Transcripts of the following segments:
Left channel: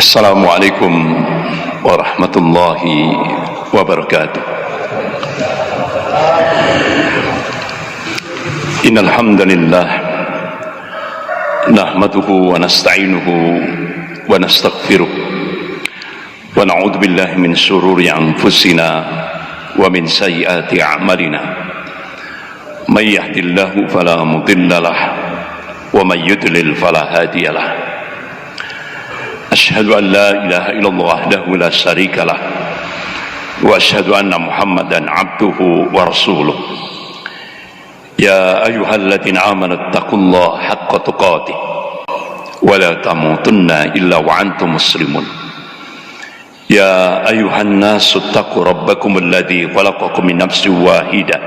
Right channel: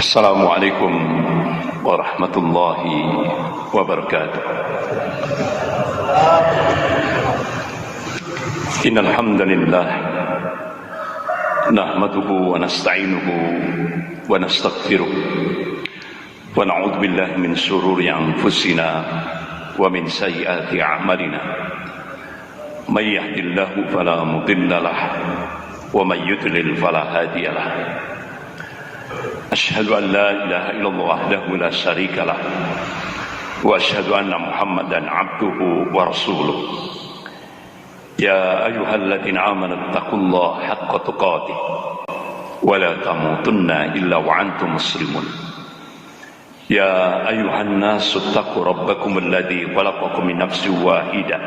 Assalamualaikum warahmatullahi wabarakatuh. Innal hamdalillah nahmaduhu wa nasta'inuhu wa nastaghfiruh wa na'udzu billahi min shururi anfusina wa min sayyiati a'malina. May yahdihillahu fala mudilla lahu wa may yudlil fala hadiya lahu. Asyhadu an la ilaha illallah wahdahu la syarika lah wa asyhadu anna Muhammadan abduhu wa rasuluh. Ya ayyuhalladzina amanu taqullaha haqqa tuqatih wa la tamutunna illa wa antum muslimun. Ya ayyuhan nasu taqu rabbakum alladzi khalaqakum min nafsin wahidah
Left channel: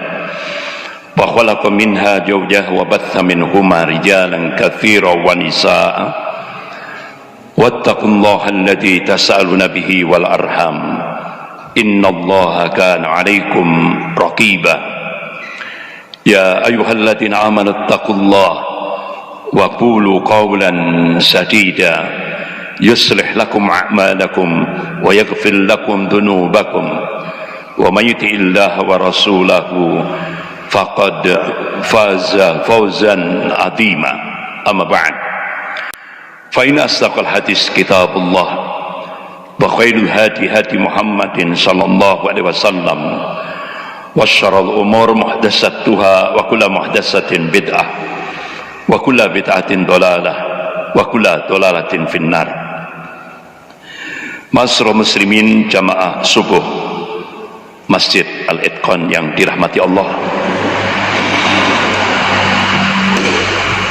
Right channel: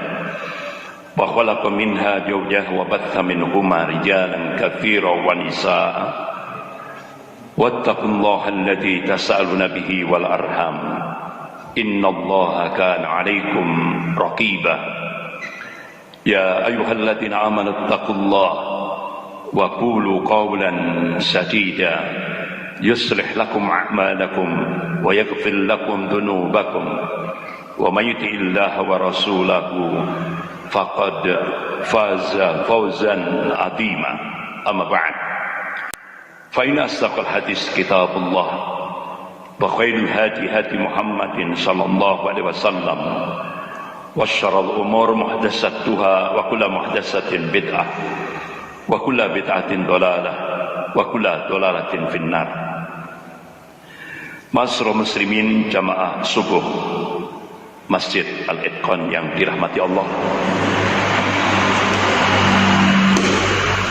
wa khalaqa minha zawjaha wa batha minhuma rijalan katsiran wa nisaa'a wattaqullaha alladzi tas'aluna bihi wal arham innallaha kana 'alaikum raqiba. Ya ayyuhalladzina amanu taqullaha wa qulu qawlan sadida yuslih lakum a'malakum wa yaghfir lakum dhunubakum wa may yuti'illaha wa rasulahu faqad faza fawzan 'azima. Amma ba'd. فإن أصدق الحديث كتاب الله وخير الهدي هدي محمد صلى الله عليه وسلم وشر الأمور محدثاتها وكل محدثة بدعة وكل بدعة ضلالة وكل ضلالة في النار. Ma'asyiral muslimin jamaah subuh Masjid Al-Itqan yang dirahmati Allah,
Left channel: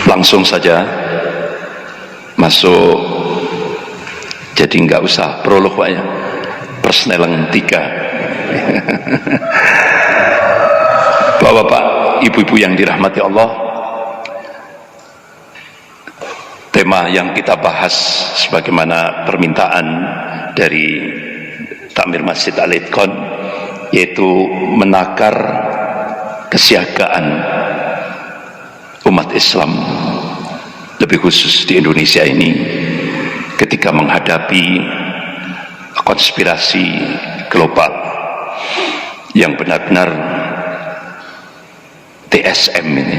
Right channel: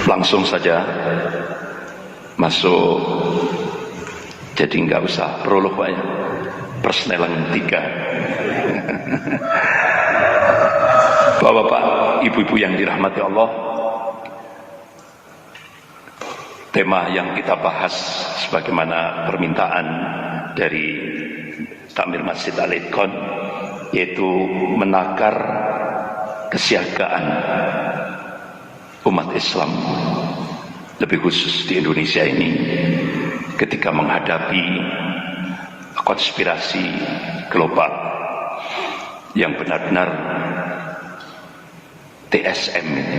langsung saja masuk, jadi nggak usah prolog Pak ya, persneleng 3. Bapak-bapak, ibu-ibu yang dirahmati Allah, tema yang kita bahas sebagaimana permintaan dari Takmir Masjid Al-Itqan, yaitu menakar kesiagaan umat Islam, lebih khusus di Indonesia ini, ketika menghadapi konspirasi global yang benar-benar TSM ini,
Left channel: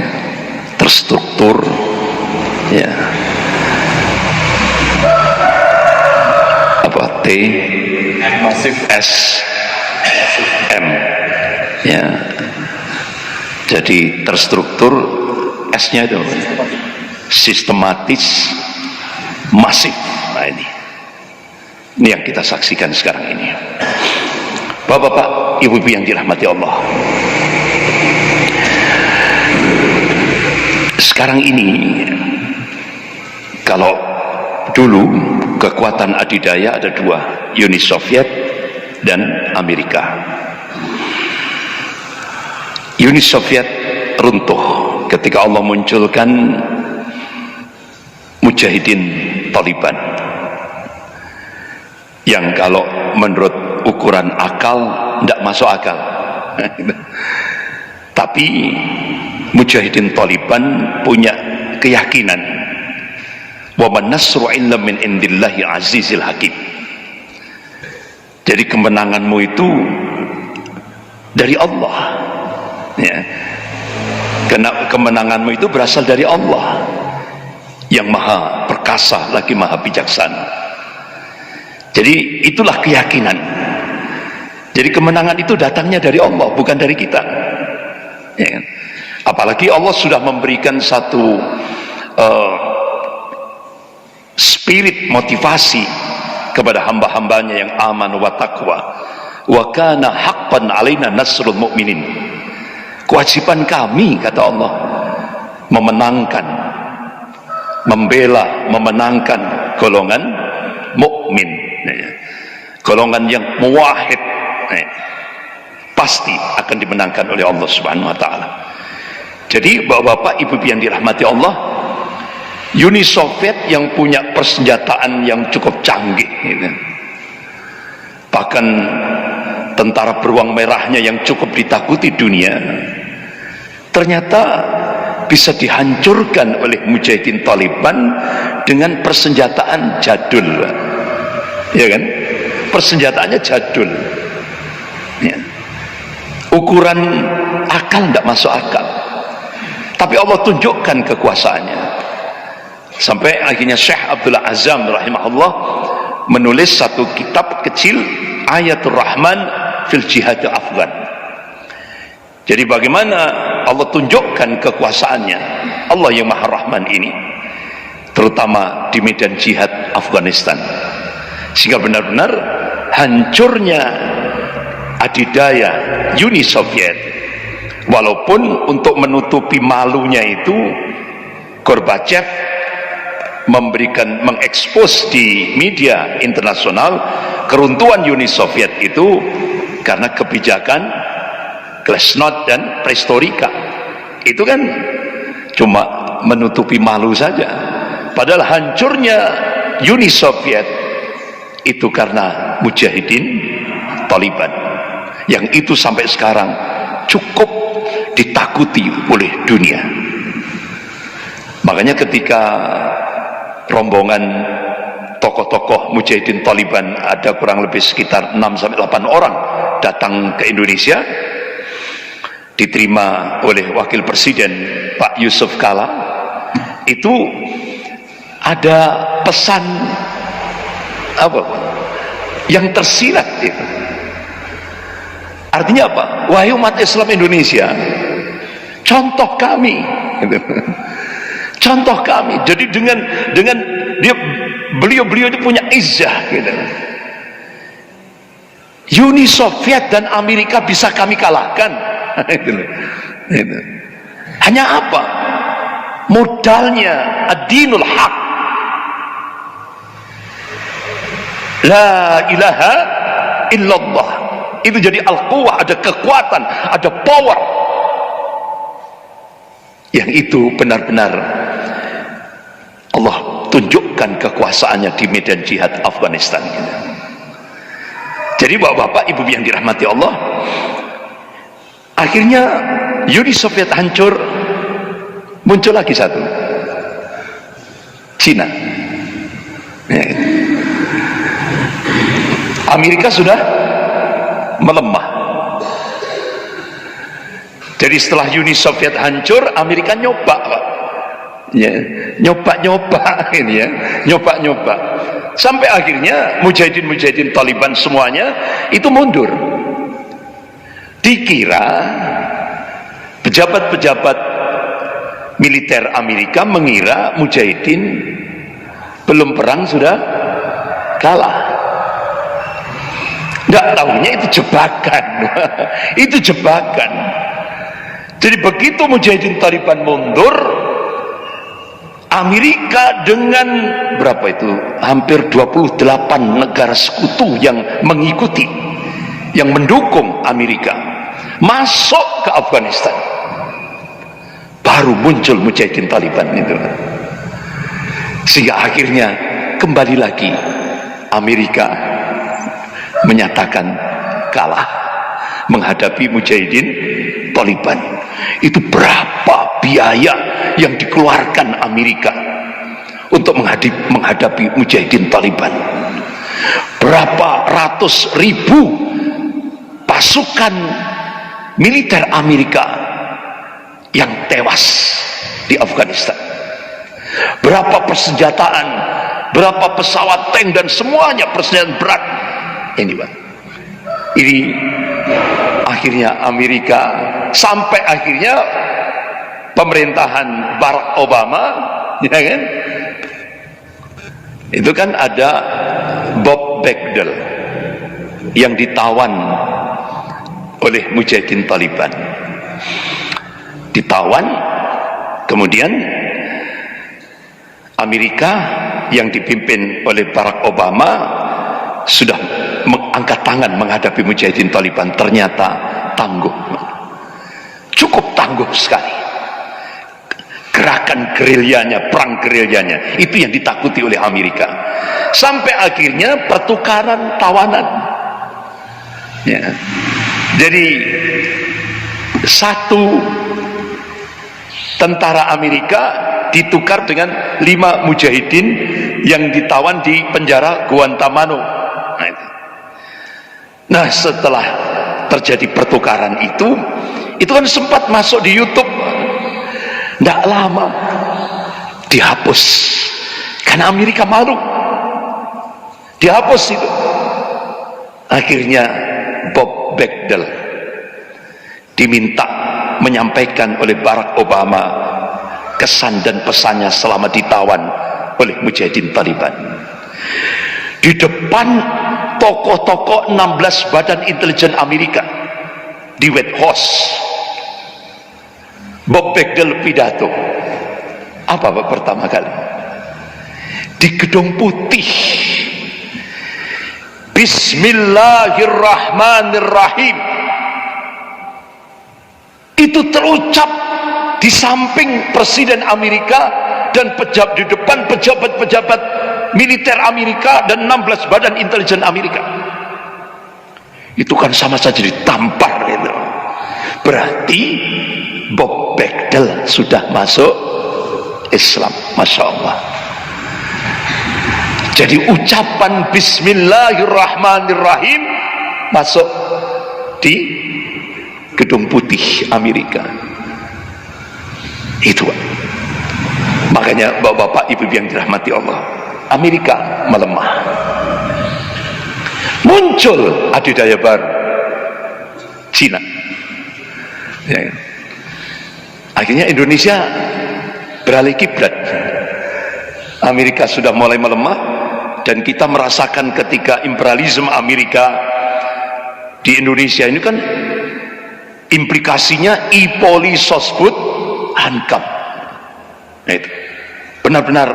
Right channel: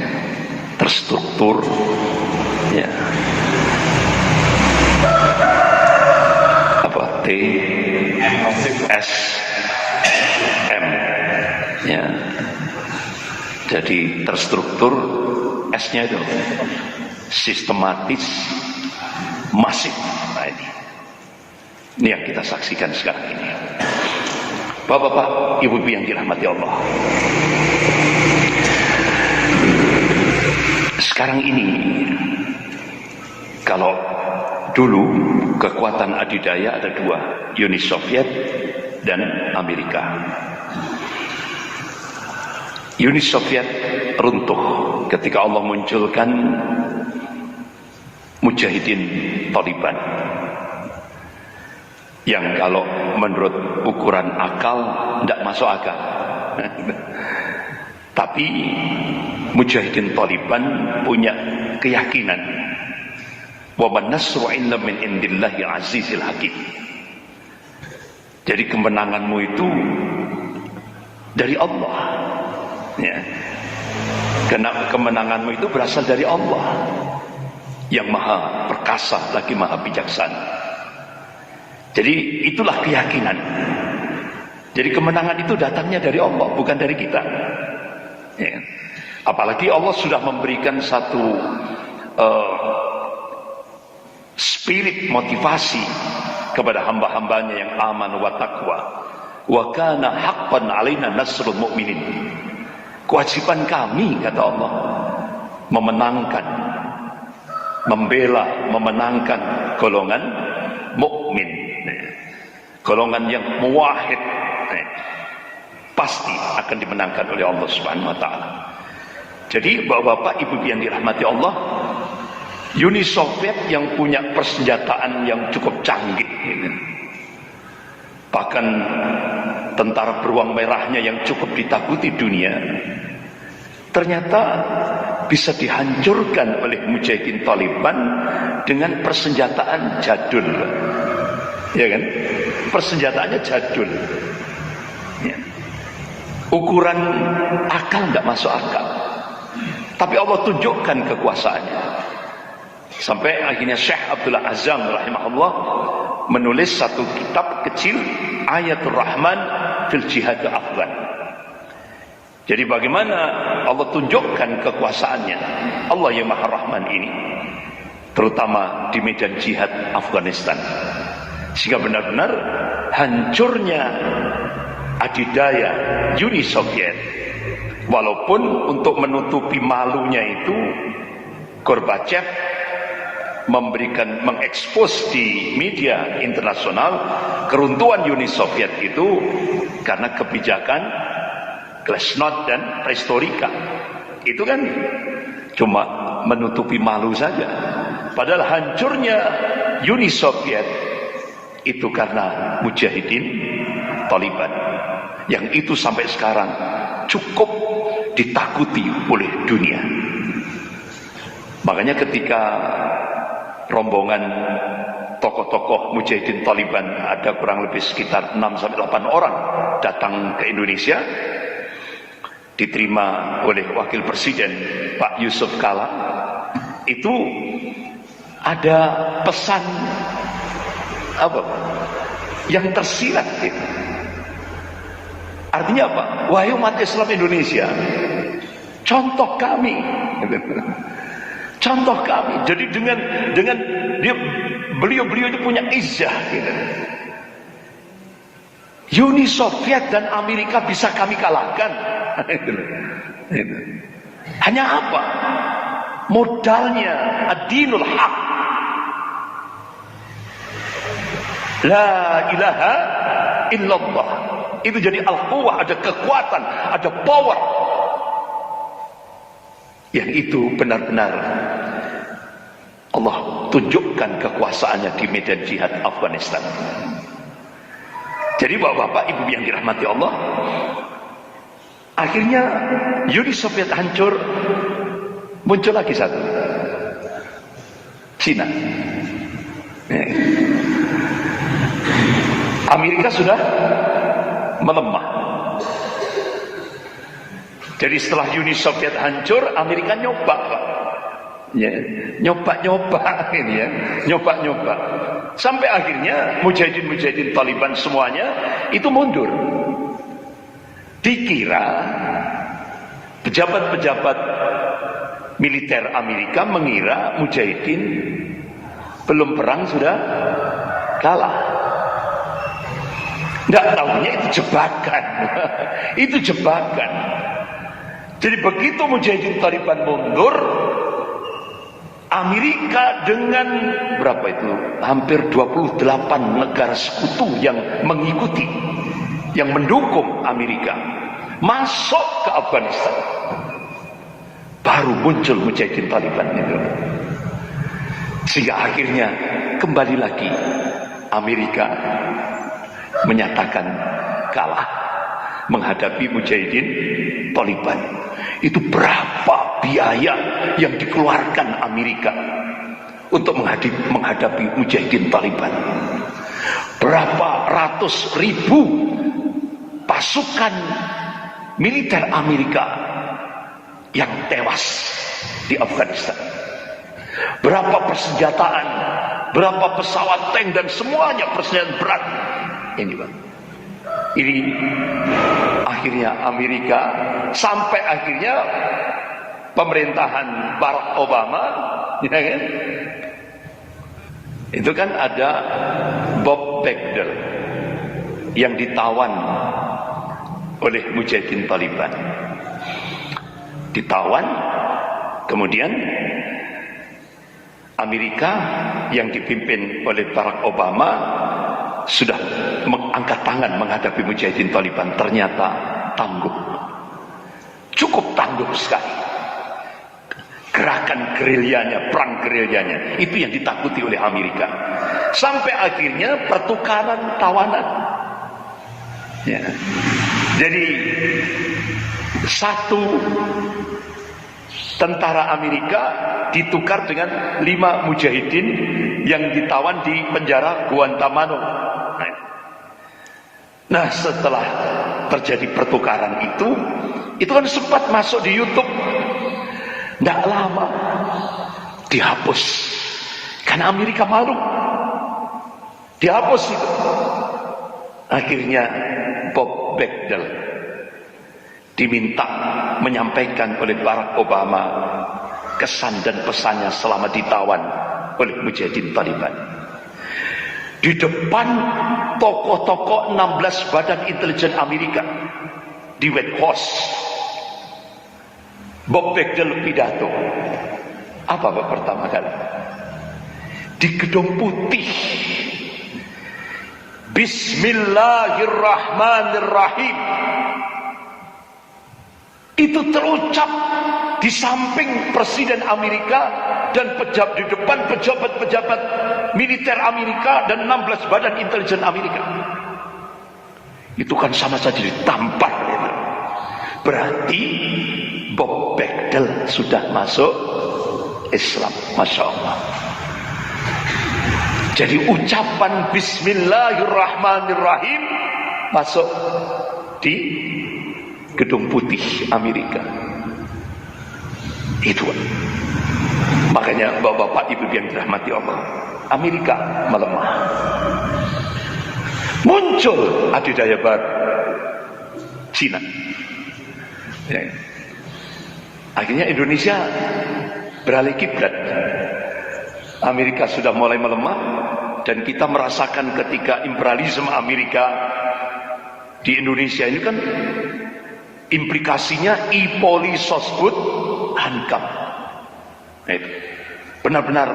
terstruktur ya, apa TSM ya, jadi terstruktur, S-nya itu sistematis, masif. Nah ini yang kita saksikan sekarang ini. Bapak-bapak, ibu-ibu yang dirahmati Allah, sekarang ini, kalau dulu kekuatan adidaya ada dua, Uni Soviet dan Amerika. Uni Soviet runtuh ketika Allah munculkan Mujahidin Taliban, yang kalau menurut ukuran akal tidak masuk akal. Tapi Mujahidin Taliban punya keyakinan, wa man nasru illa min indillahi azizil hakim. Jadi kemenanganmu itu dari Allah ya. Karena kemenanganmu itu berasal dari Allah yang maha perkasa lagi maha bijaksana. Jadi itulah keyakinan. Jadi kemenangan itu datangnya dari Allah, bukan dari kita ya. Apalagi Allah sudah memberikan satu spirit motivasi kepada hamba-hambanya yang aman wa taqwa, wa kana haqqan alaina nasrul mu'minin. Kewajiban kami, kata Allah, memenangkan, membela, memenangkan golongan mukmin, golongan yang muwahhid, pasti akan dimenangkan oleh Allah Subhanahu wa taala. Jadi bapak-bapak, ibu-ibu yang dirahmati Allah, Uni Soviet yang punya persenjataan yang cukup canggih gitu. Bahkan tentara beruang merahnya yang cukup ditakuti dunia, ternyata bisa dihancurkan oleh Mujahidin Taliban dengan persenjataan jadul, ya kan? Persenjataannya jadul, ya. Ukuran akal tidak masuk akal, tapi Allah tunjukkan kekuasaannya. Sampai akhirnya Syekh Abdul Azam rahimahullah menulis satu kitab kecil, Ayatul Rahman fil Jihad Afgan. Jadi bagaimana Allah tunjukkan kekuasaannya, Allah yang Maha Rahman ini, terutama di medan jihad Afghanistan, sehingga benar-benar hancurnya adidaya Uni Soviet. Walaupun untuk menutupi malunya itu Gorbachev mengekspos di media internasional keruntuhan Uni Soviet itu karena kebijakan Glasnost dan Perestroika. Itu kan cuma menutupi malu saja, padahal hancurnya Uni Soviet itu karena mujahidin Taliban, yang itu sampai sekarang cukup ditakuti oleh dunia. Makanya ketika rombongan tokoh-tokoh mujahidin Taliban, ada kurang lebih sekitar 6-8 orang datang ke Indonesia, diterima oleh Wakil Presiden Pak Yusuf Kala, itu ada pesan apa yang tersirat itu. Artinya apa? Wahai umat Islam Indonesia, contoh kami, contoh kami. Jadi dengan beliau itu punya izzah gitu. Uni Soviet dan Amerika bisa kami kalahkan. Itu. Hanya apa? Modalnya ad-dinul haq. La ilaha illallah. Itu jadi al-quwah, ada kekuatan, ada power. Yang itu benar-benar Allah tunjukkan kekuasaannya di medan jihad Afghanistan. Jadi bapak-bapak, ibu yang dirahmati Allah, akhirnya Uni Soviet hancur, muncul lagi satu, Cina. Amerika sudah melemah. Jadi setelah Uni Soviet hancur, Amerika nyoba, ya, nyoba ini ya, nyoba, sampai akhirnya mujahidin Taliban semuanya itu mundur. Dikira pejabat-pejabat militer Amerika mengira mujahidin belum perang sudah kalah. Nggak tahunya itu jebakan. Itu jebakan. Jadi begitu mujahidin Taliban mundur, Amerika dengan berapa itu? Hampir 28 negara sekutu yang mengikuti, yang mendukung Amerika, masuk ke Afghanistan. Baru muncul mujahidin Taliban itu. Sehingga akhirnya kembali lagi Amerika menyatakan kalah menghadapi mujahidin Taliban. Itu berapa biaya yang dikeluarkan Amerika untuk menghadapi mujahidin Taliban? Berapa ratus ribu pasukan militer Amerika yang tewas di Afghanistan? Berapa persenjataan, berapa pesawat tank dan semuanya persenjataan berat ini, Pak. Ini akhirnya Amerika, sampai akhirnya pemerintahan Barack Obama, ya kan? Itu kan ada Bob Bagdell yang ditawan oleh mujahidin Taliban. Ditawan, kemudian Amerika yang dipimpin oleh Barack Obama sudah mengangkat tangan menghadapi mujahidin Taliban. Ternyata tangguh, cukup tangguh sekali. Gerakan gerilyanya, perang gerilyanya, itu yang ditakuti oleh Amerika. Sampai akhirnya pertukaran tawanan, ya. Jadi satu tentara Amerika ditukar dengan 5 mujahidin yang ditawan di penjara Guantanamo Nah, setelah terjadi pertukaran itu kan sempat masuk di YouTube, tidak lama dihapus karena Amerika malu, dihapus itu. Akhirnya Bob Bagdell diminta menyampaikan oleh Barack Obama kesan dan pesannya selama ditawan oleh mujahidin Taliban di depan tokoh-tokoh 16 badan intelijen Amerika di White House. Bob Bagdell pidato apa Pak pertama kali di Gedung Putih, Bismillahirrahmanirrahim. Itu terucap di samping Presiden Amerika dan di depan pejabat-pejabat militer Amerika dan 16 badan intelijen Amerika. Itu kan sama saja ditampar gitu. Berarti Bob Bagdell sudah masuk Islam, Masya Allah. Jadi ucapan Bismillahirrahmanirrahim masuk di Gedung Putih Amerika. Itu makanya bapak-bapak ibu yang dirahmati Allah, Amerika melemah, muncul adidaya baru Cina ya. Akhirnya Indonesia beralih kiblat. Amerika sudah mulai melemah dan kita merasakan ketika imperialisme Amerika di Indonesia ini kan implikasinya ipoli sosbud hankam. Nah, itu benar-benar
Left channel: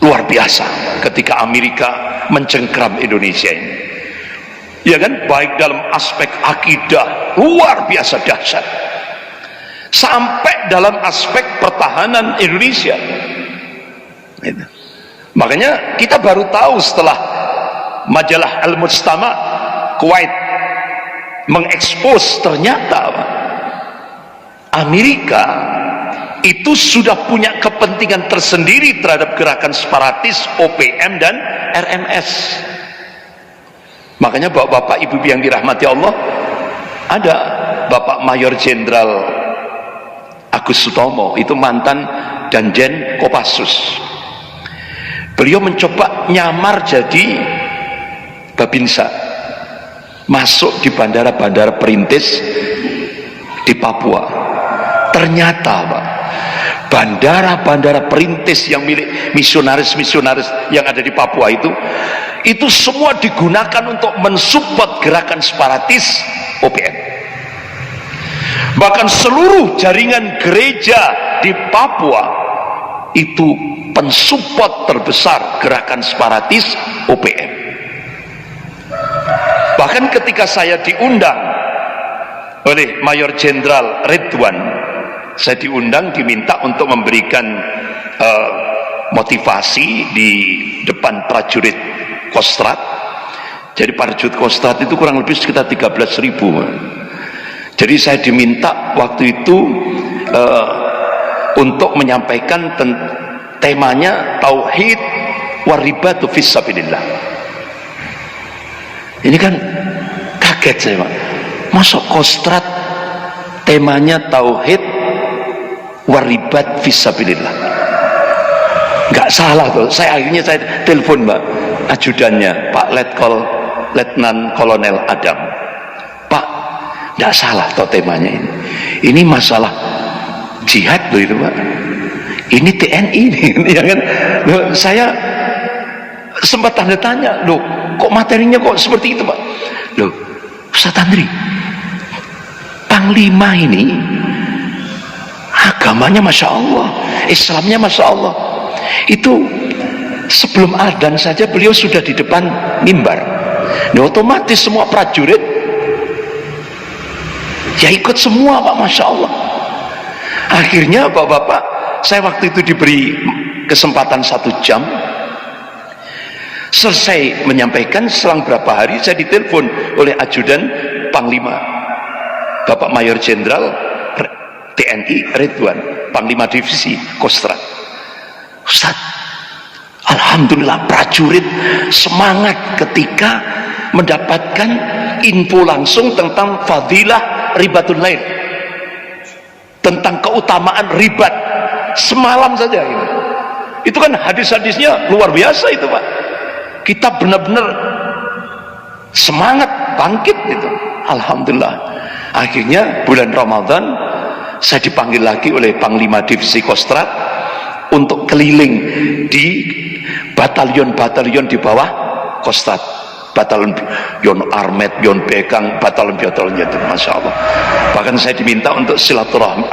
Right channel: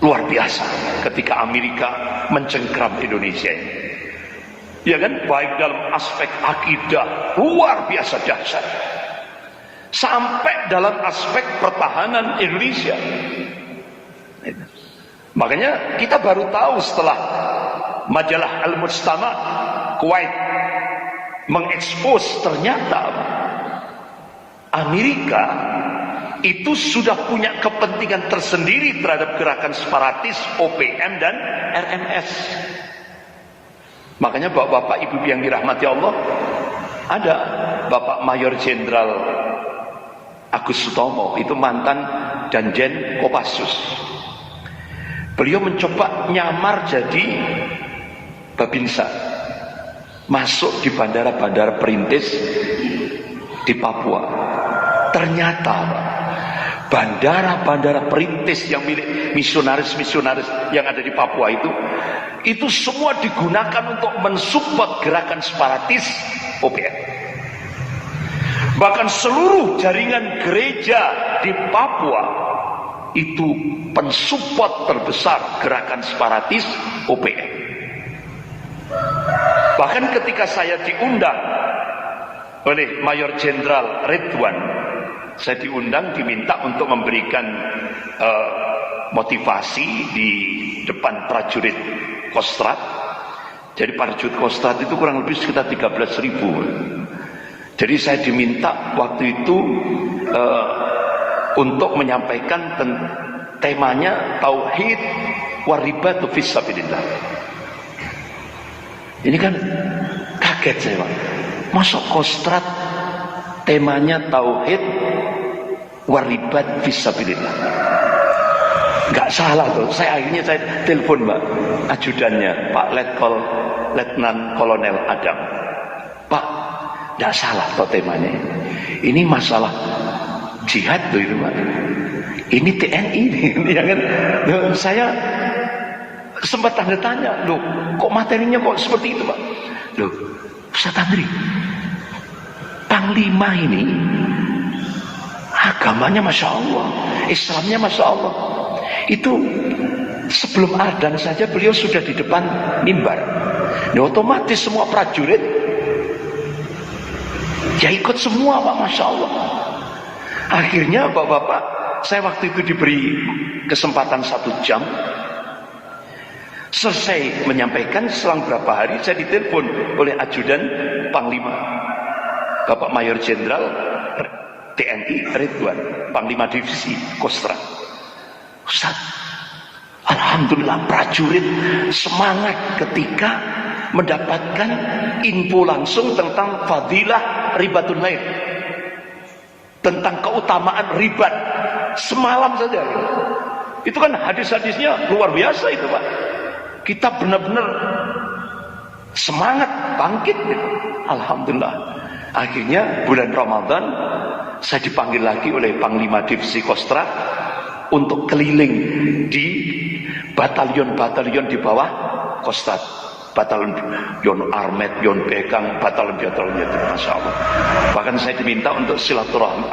luar biasa ketika Amerika mencengkram Indonesia ini, ya kan, baik dalam aspek akidah luar biasa dahsyat sampai dalam aspek pertahanan Indonesia. Itu. Makanya kita baru tahu setelah majalah Al-Mujtama Kuwait mengekspos ternyata Amerika itu sudah punya kepentingan tersendiri terhadap gerakan separatis OPM dan RMS. Makanya bapak-bapak ibu yang dirahmati Allah, ada Bapak Mayor Jenderal Agus Sutomo, itu mantan Danjen Kopassus. Beliau mencoba nyamar jadi Babinsa, masuk di bandara-bandara perintis di Papua. Ternyata Pak, bandara-bandara perintis yang milik misionaris-misionaris yang ada di Papua itu semua digunakan untuk mensupport gerakan separatis OPM. Bahkan seluruh jaringan gereja di Papua itu pensupport terbesar gerakan separatis OPM. Bahkan ketika saya diundang oleh Mayor Jenderal Ridwan, saya diundang, diminta untuk memberikan motivasi di depan prajurit Kostrad. Jadi prajurit Kostrad itu kurang lebih sekitar 13.000. Jadi saya diminta waktu itu untuk menyampaikan temanya tauhid waribatu fisabilillah. Ini kan kaget saya Pak, masuk Kostrad temanya tauhid waribat fisabilillah. Nggak salah tuh. Akhirnya saya telepon Mbak ajudannya, Pak Letnan Kolonel Adam, Pak, nggak salah toh temanya ini. Ini masalah jihad loh itu Pak. Ini TNI nih, ya kan? Loh, saya sempat tanda tanya, loh, kok materinya kok seperti itu Pak? Loh, Ustaz Andri, Panglima ini agamanya Masya Allah, Islamnya Masya Allah. Itu sebelum adzan saja beliau sudah di depan mimbar. Nah, otomatis semua prajurit ya ikut semua Pak, Masya Allah. Akhirnya Bapak-bapak, saya waktu itu diberi kesempatan 1 jam. Selesai menyampaikan, selang berapa hari saya ditelepon oleh ajudan Panglima Bapak Mayor Jenderal TNI Ridwan, Panglima Divisi Kostrad. Ustaz, alhamdulillah prajurit semangat ketika mendapatkan info langsung tentang fadilah ribatul lail, tentang keutamaan ribat semalam saja gitu. Itu kan hadis-hadisnya luar biasa itu Pak. Kita benar-benar semangat bangkit gitu. Alhamdulillah. Akhirnya bulan Ramadan saya dipanggil lagi oleh Panglima Divisi Kostrad untuk keliling di batalion-batalion di bawah Kostrad, batalion Yon Armet, Yon Bekang, batalion-batalion itu, masya Allah. Bahkan saya diminta untuk silaturahmi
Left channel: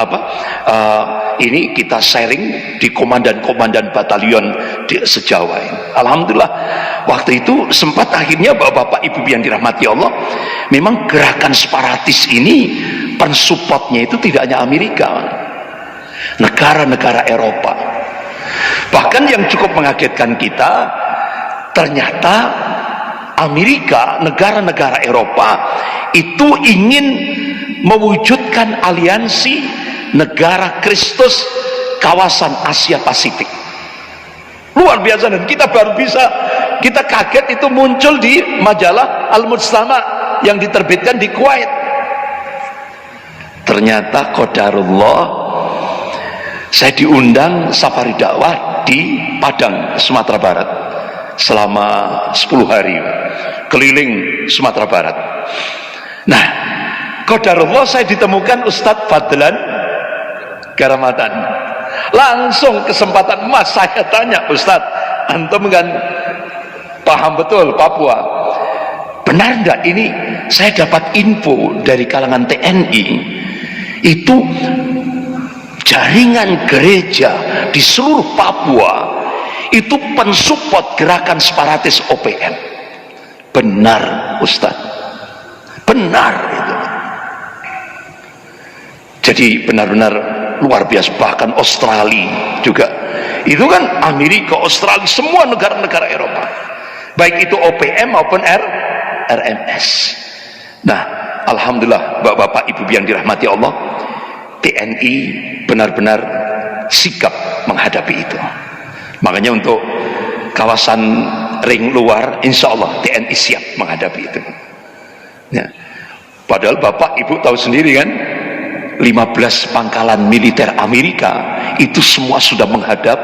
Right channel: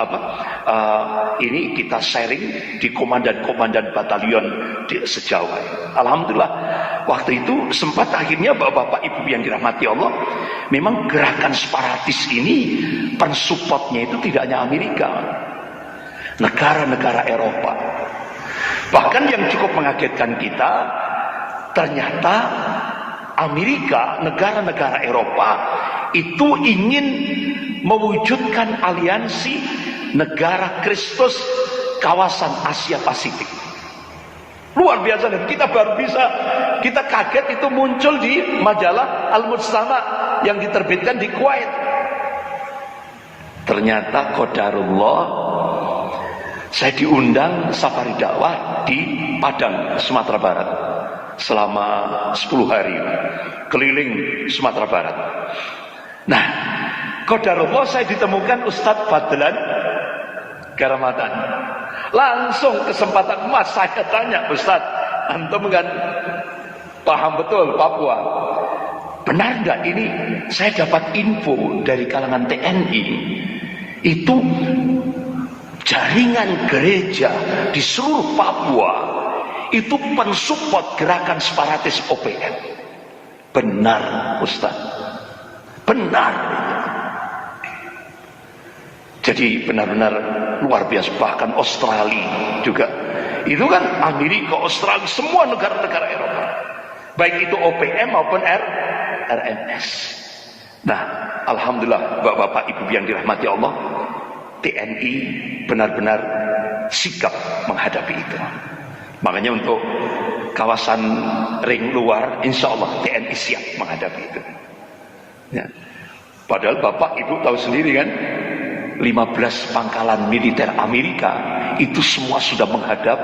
ini kita sharing di komandan-komandan batalion di sejawa ini. Alhamdulillah waktu itu sempat akhirnya bapak-bapak ibu yang dirahmati Allah, memang gerakan separatis ini pensupportnya itu tidak hanya Amerika, negara-negara Eropa. Bahkan yang cukup mengagetkan kita, ternyata Amerika, negara-negara Eropa itu ingin mewujudkan aliansi negara Kristus kawasan Asia Pasifik. Luar biasa, dan kita baru bisa, kita kaget itu muncul di majalah Al-Mujtama yang diterbitkan di Kuwait. Ternyata qadarullah, saya diundang safari dakwah di Padang, Sumatera Barat selama 10 hari keliling Sumatera Barat. Nah, qadarullah saya ditemukan Ustadz Fadlan Garamatan. Langsung kesempatan emas saya tanya, Ustadz, antum kan paham betul Papua, benar enggak ini saya dapat info dari kalangan TNI itu jaringan gereja di seluruh Papua itu pensupport gerakan separatis OPM. Benar Ustadz, benar itu. Jadi benar-benar luar biasa. Bahkan Australia juga, itu kan Amerika, Australia, semua negara-negara Eropa, baik itu OPM maupun RMS. Nah, alhamdulillah bapak-bapak ibu yang dirahmati Allah, TNI benar-benar sikap menghadapi itu. Makanya untuk kawasan ring luar, insya Allah TNI siap menghadapi itu ya. Padahal bapak ibu tahu sendiri kan, 15 pangkalan militer Amerika itu semua sudah menghadap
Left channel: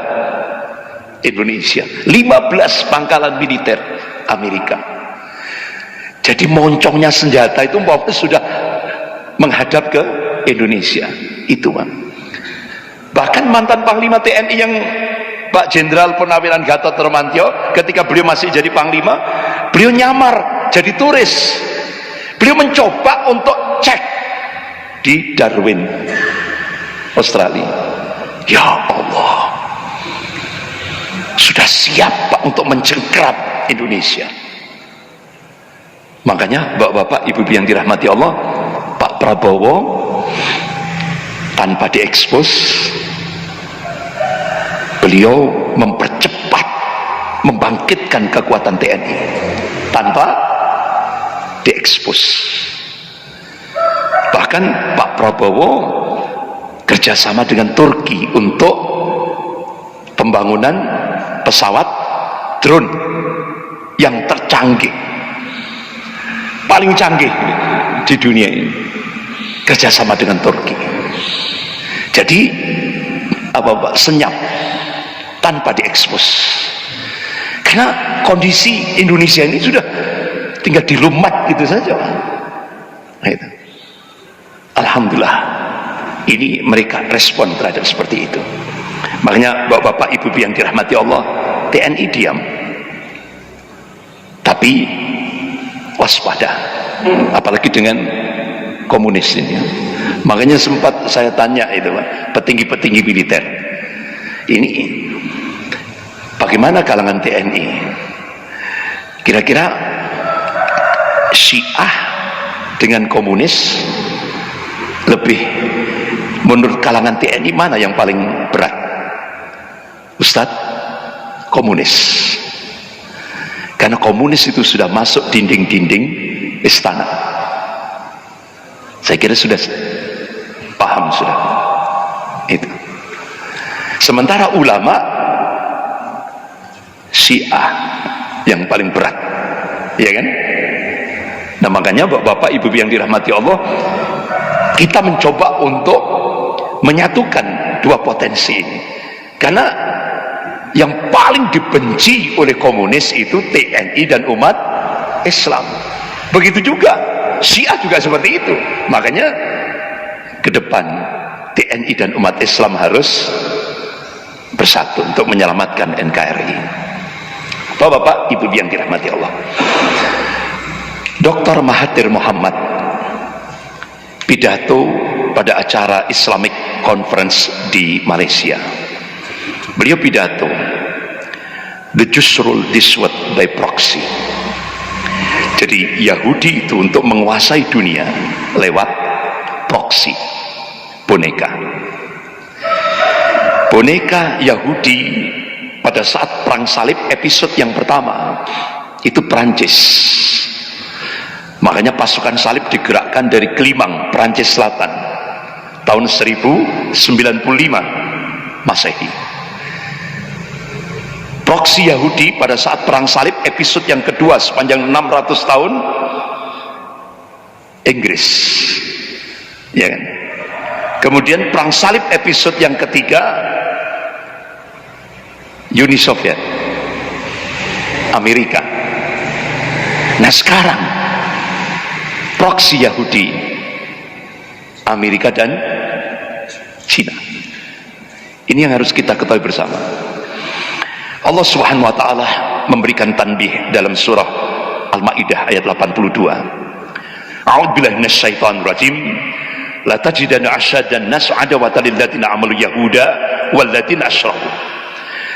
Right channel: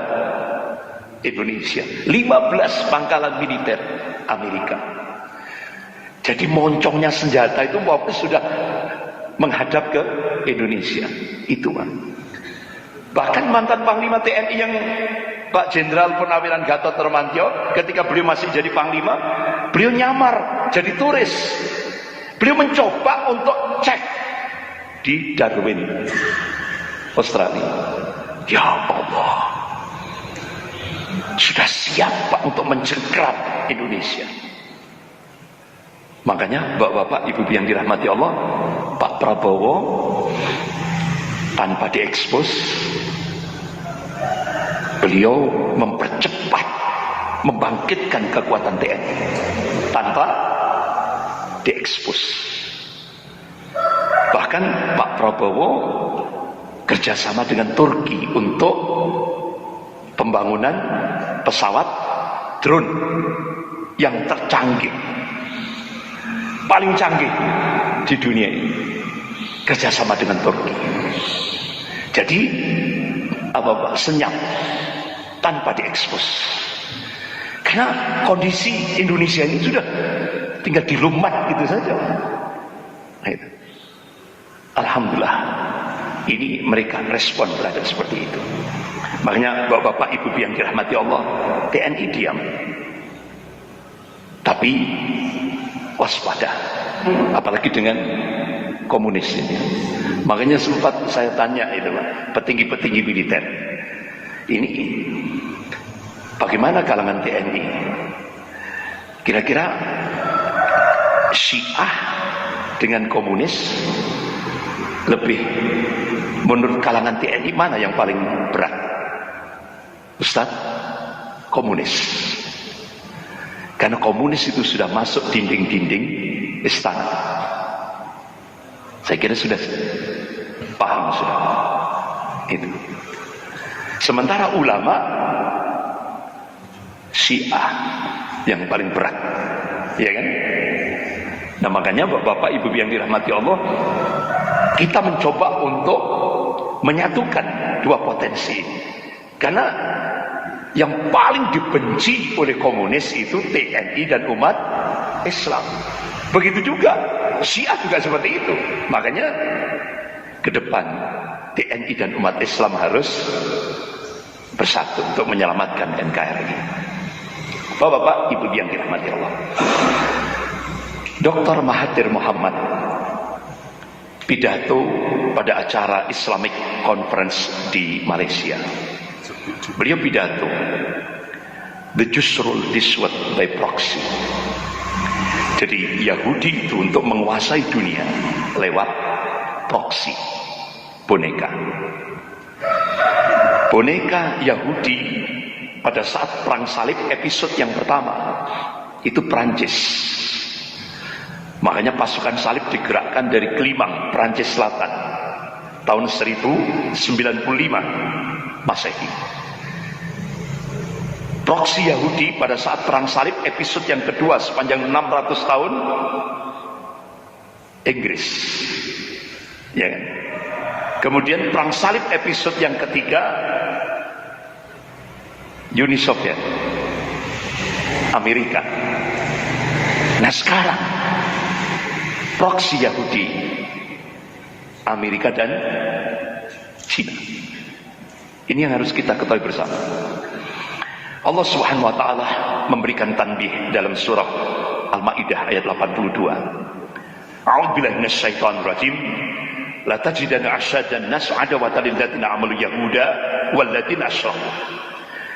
Indonesia. 15 pangkalan militer Amerika. Jadi moncongnya senjata itu sudah menghadap ke Indonesia. Itu kan. Bahkan mantan Panglima TNI yang Pak Jenderal Purnawiran Gatot Nurmantio, ketika beliau masih jadi Panglima, beliau nyamar jadi turis. Beliau mencoba untuk cek di Darwin, Australia. Ya Allah, sudah siap Pak untuk mencengkeram Indonesia. Makanya bapak-bapak ibu yang dirahmati Allah, Pak Prabowo tanpa diekspos, beliau mempercepat membangkitkan kekuatan TNI tanpa diekspos. Bahkan Pak Prabowo kerjasama dengan Turki untuk pembangunan pesawat drone yang tercanggih, paling canggih di dunia ini, kerjasama dengan Turki. Jadi apa senyap tanpa diekspos, karena kondisi Indonesia ini sudah tinggal dilumat gitu saja. Nah, itu. Alhamdulillah ini mereka respon terhadap seperti itu. Makanya bapak-bapak ibu yang dirahmati Allah, TNI diam tapi waspada, apalagi dengan komunis ini. Makanya sempat saya tanya itu petinggi-petinggi militer ini, bagaimana kalangan TNI, kira-kira Syiah dengan komunis lebih, menurut kalangan TNI mana yang paling berat? Ustadz, komunis. Karena komunis itu sudah masuk dinding-dinding istana. Saya kira sudah paham sudah itu. Sementara ulama Syiah yang paling berat, ya kan? Nah makanya Bapak Ibu yang dirahmati Allah, kita mencoba untuk menyatukan dua potensi ini. Karena yang paling dibenci oleh komunis itu TNI dan umat Islam. Begitu juga Syiah juga seperti itu. Makanya ke depan TNI dan umat Islam harus bersatu untuk menyelamatkan NKRI. Bapak-bapak, Ibu yang dirahmati Allah, Dr. Mahathir Mohamad pidato pada acara Islamic Conference di Malaysia. Beliau pidato, the Jews rule this world by proxy. Jadi Yahudi itu untuk menguasai dunia lewat proxy, boneka. Boneka Yahudi pada saat perang salib episode yang pertama itu Perancis. Makanya pasukan salib digerakkan dari Kelimang, Perancis Selatan tahun 1095 Masehi. Proksi Yahudi pada saat perang salib episode yang kedua sepanjang 600 tahun Inggris, ya kan? Kemudian perang salib episode yang ketiga Uni Soviet, Amerika. Nah sekarang proksi Yahudi, Amerika dan Cina. Ini yang harus kita ketahui bersama. Allah Subhanahu wa taala memberikan tanbih dalam surah Al-Maidah ayat 82. A'udzubillahi minasyaitonir rajim. La tajidanna asyadan nas adawatan lil ladzina amalu yahuda wal ladzina asyraku.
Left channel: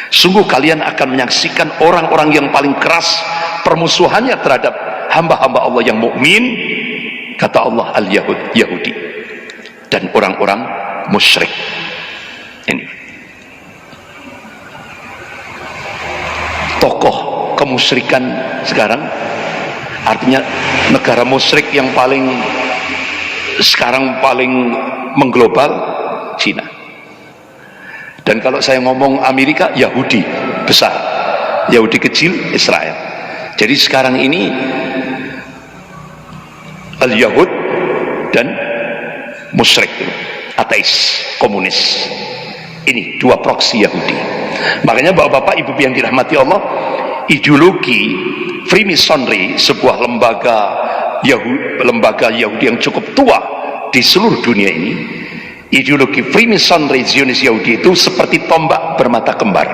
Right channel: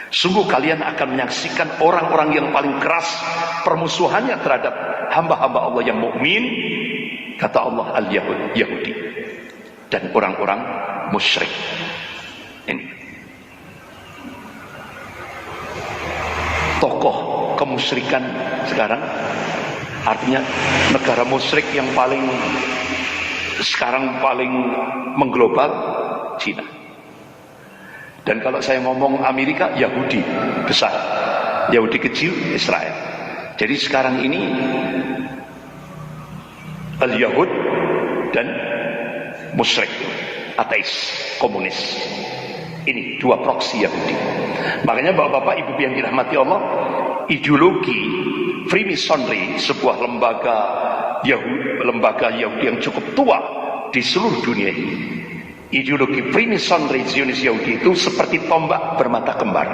Sungguh kalian akan menyaksikan orang-orang yang paling keras permusuhannya terhadap hamba-hamba Allah yang mukmin, kata Allah, Yahudi dan orang-orang musyrik. Ini tokoh kemusyrikan sekarang, artinya negara musyrik yang paling sekarang paling mengglobal, Cina. Dan kalau saya ngomong Amerika, Yahudi besar, Yahudi kecil, Israel. Jadi sekarang ini al-Yahud dan musyrik, ateis, komunis. Ini dua proksi Yahudi. Makanya bapak-bapak, ibu yang dirahmati Allah, ideologi Freemasonry, sebuah lembaga Yahudi yang cukup tua di seluruh dunia ini, ideologi Freemasonry Zionis Yahudi itu seperti tombak bermata kembar.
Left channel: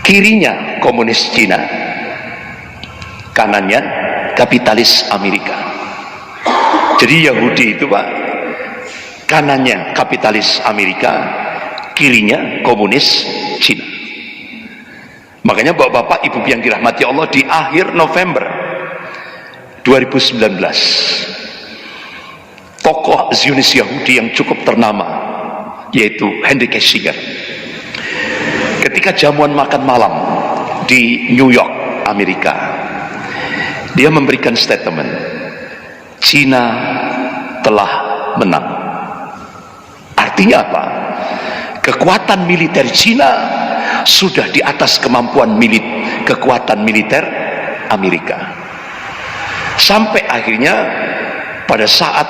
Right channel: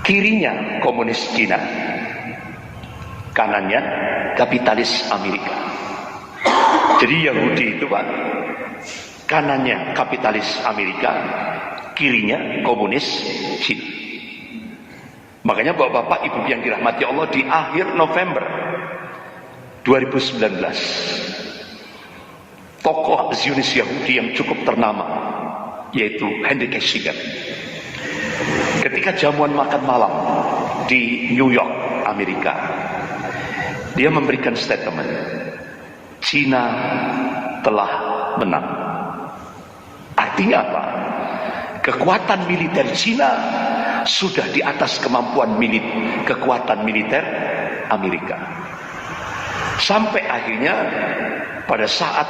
Kirinya komunis Cina, kanannya kapitalis Amerika. Jadi Yahudi itu Pak, kanannya kapitalis Amerika, kirinya komunis Cina. Makanya bapak-bapak, ibu yang dirahmati Allah, di akhir November 2019 tokoh Zionis Yahudi yang cukup ternama yaitu Henry Kissinger, ketika jamuan makan malam di New York, Amerika, dia memberikan statement, Cina telah menang. Artinya apa? Kekuatan militer Cina sudah di atas kemampuan kekuatan militer Amerika. Sampai akhirnya pada saat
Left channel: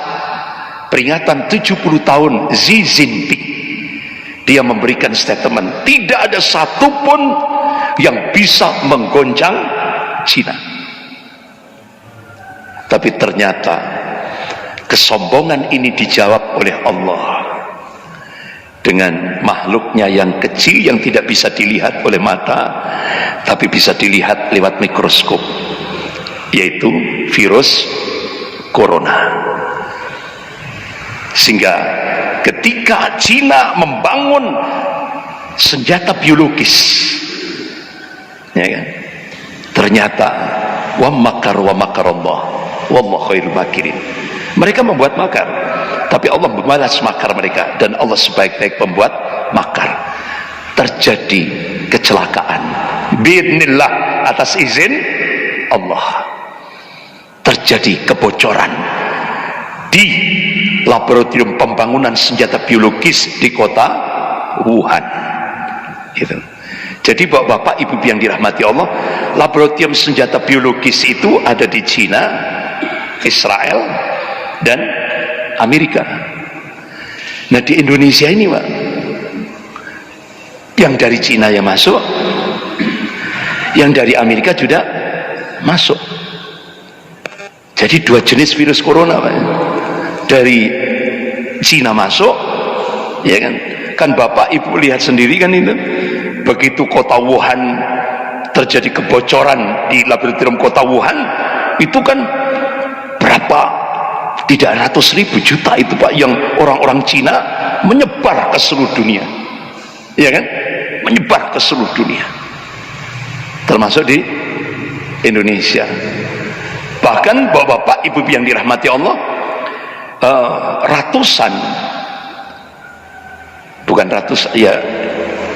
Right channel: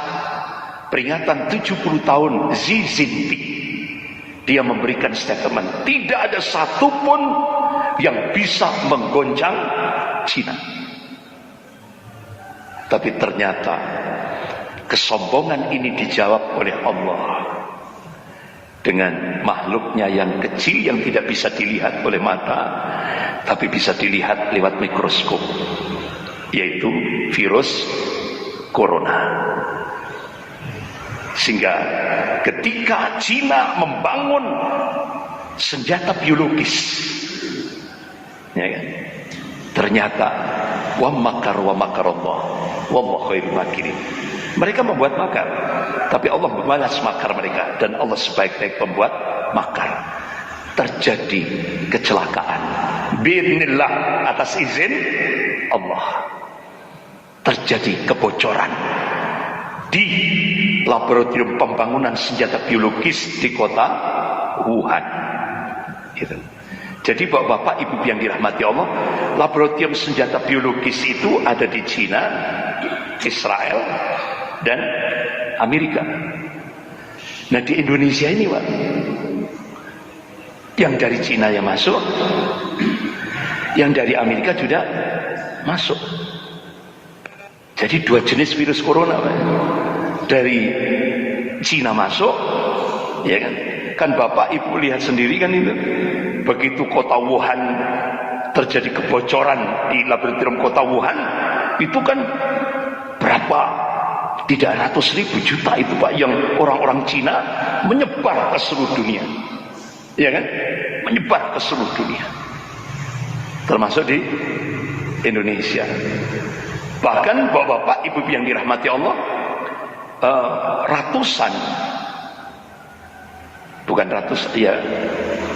peringatan 70 tahun Xi Jinping, dia memberikan statement, tidak ada satupun yang bisa menggoncang Cina. Tapi ternyata kesombongan ini dijawab oleh Allah dengan makhluknya yang kecil yang tidak bisa dilihat oleh mata, tapi bisa dilihat lewat mikroskop, yaitu virus corona. Sehingga ketika Cina membangun senjata biologis, ya kan, ternyata wa makar wa makarallah wallahu khairul makirin. Mereka membuat makar, tapi Allah membalas makar mereka, dan Allah sebaik-baik pembuat makar. Terjadi kecelakaan biidznillah, atas izin Allah. Terjadi kebocoran di laboratorium pembangunan senjata biologis di kota Wuhan, gitu. Jadi bapak-bapak, ibu yang dirahmati Allah, laboratorium senjata biologis itu ada di Cina, Israel, dan Amerika. Nah di Indonesia ini Pak, yang dari Cina yang masuk, yang dari Amerika juga masuk. Jadi dua jenis virus corona Pak. Dari Cina masuk, ya kan? Kan bapak ibu lihat sendiri kan itu, begitu kota Wuhan terjadi kebocoran di laboratorium kota Wuhan, itu kan berapa, tidak ratus ribu juta itu Pak, yang orang-orang Cina menyebar ke seluruh dunia, ya kan? Menyebar ke seluruh dunia, termasuk di Indonesia. Bahkan bapak-bapak ibu yang dirahmati Allah, ratusan, bukan ratus, ya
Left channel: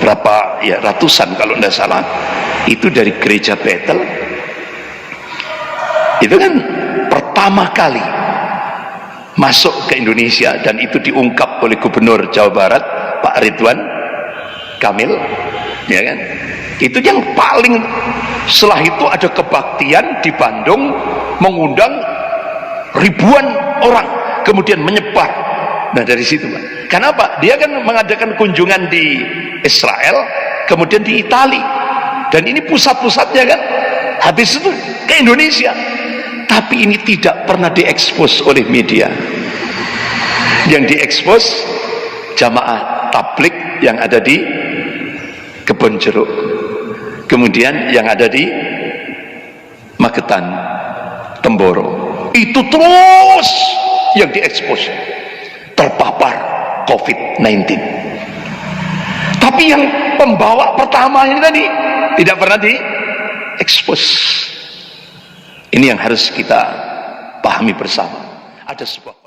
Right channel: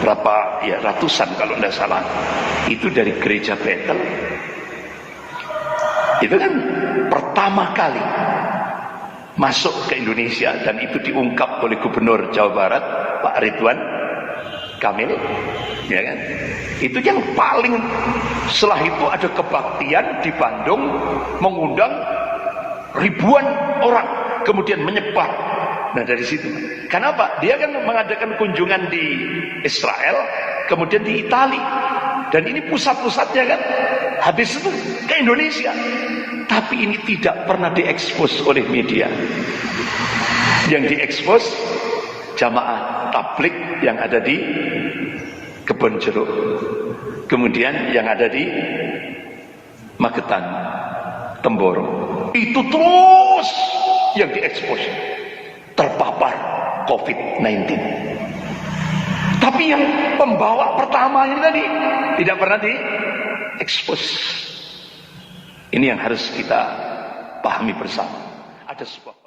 berapa, ya ratusan kalau tidak salah, itu dari gereja Bethel. Itu kan pertama kali masuk ke Indonesia, dan itu diungkap oleh Gubernur Jawa Barat Pak Ridwan Kamil, ya kan? Itu yang paling. Setelah itu ada kebaktian di Bandung, mengundang ribuan orang, kemudian menyebar. Nah dari situ Pak. Kenapa? Dia kan mengadakan kunjungan di Israel, kemudian di Itali, dan ini pusat-pusatnya kan, habis itu ke Indonesia. Tapi ini tidak pernah diekspos oleh media. Yang diekspos jamaah tablik yang ada di Kebonjeruk, kemudian yang ada di Magetan, Temboro, itu terus yang diekspos terpapar COVID-19. Tapi yang pembawa pertama ini tadi tidak pernah diekspos. Ini yang harus kita pahami bersama. Ada sebuah